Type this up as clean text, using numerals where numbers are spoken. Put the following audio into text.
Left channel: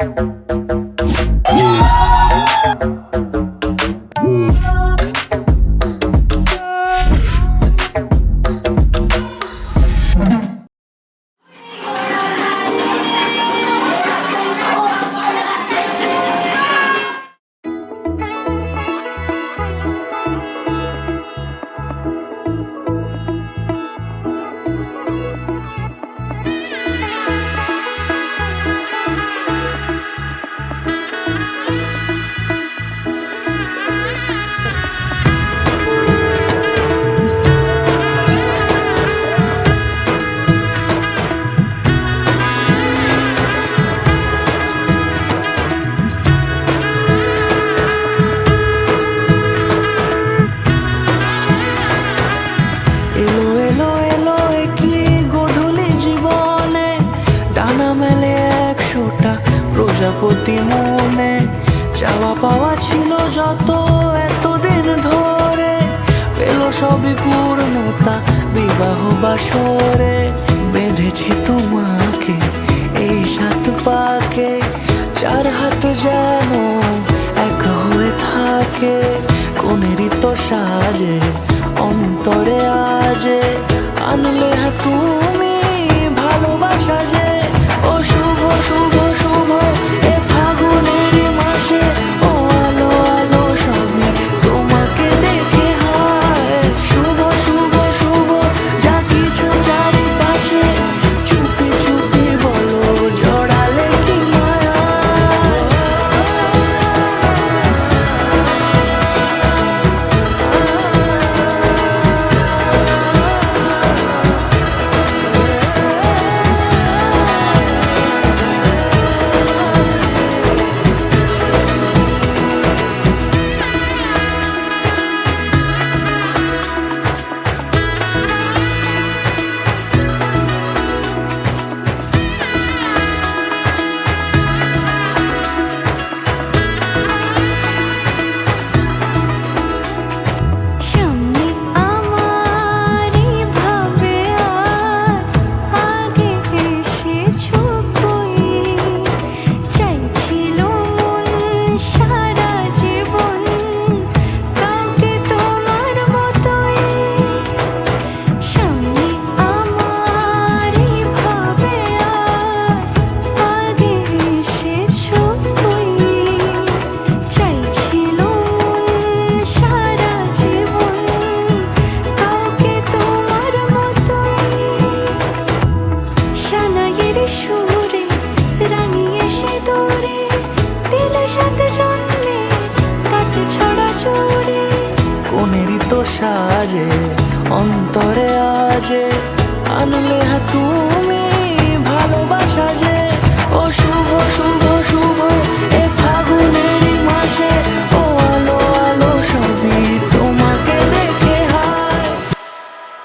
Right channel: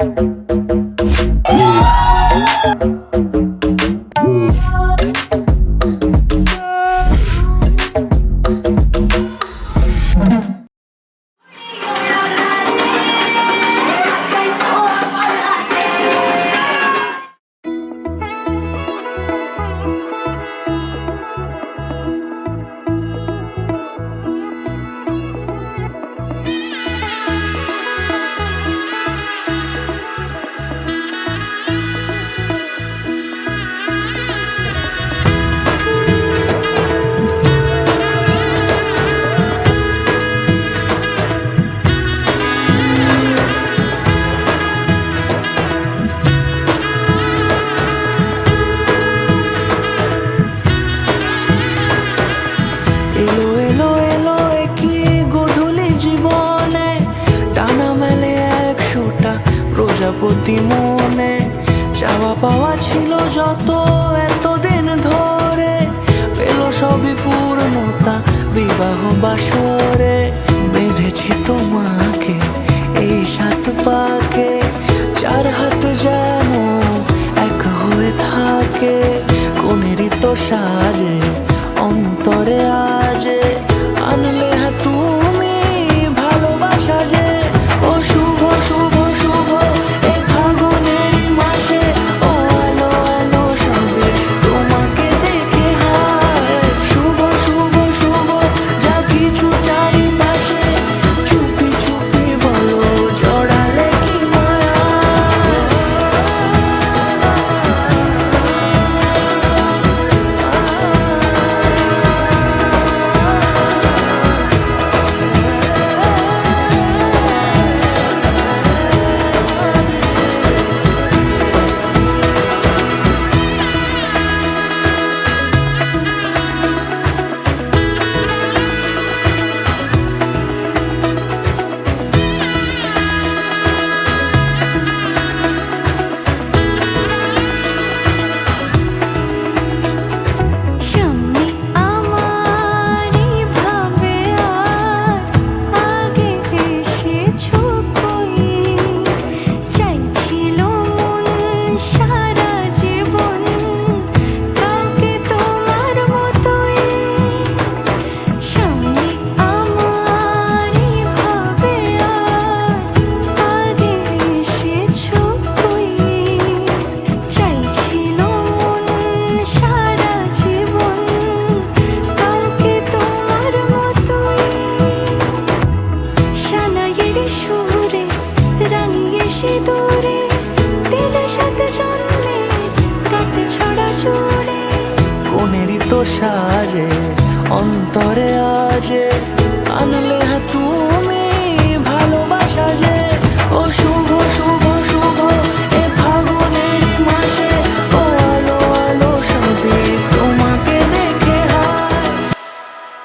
এলো এলো এলো কি গোধূলি জীবনে, ডানা মেলে 100টা প্রজাপতি মনে। চাওয়া পাওয়া ছিল যত এতদিন ধরে, পেল সবই পূর্ণতা বিবাহ বাসরে। বেঁধেছি তোমাকে এই 7 পাকে, 4 হাত যেন এক হয়ে থাকে। কোনেরই তো সাজে অন্তরে আজে, আনলে তুমি ভালোবাসা যে। ও শুভ শুভ শুভ এ ফাগুনেরই মাসে, ও আলো আলো সবই তোমাকে দেখে হায়। শুভ শুভ শুভ যা কিছু চারিপাশে, চুপি চুপি বলো জড়ালে কি মায়া। সুরে রাঙিয়ে সে দূরে, দিলে 7 জন্মের কাট ছড়া জুড়ে। কোনেরই তো সাজে অন্তরে আজে, আনলে তুমি ভালোবাসা যে।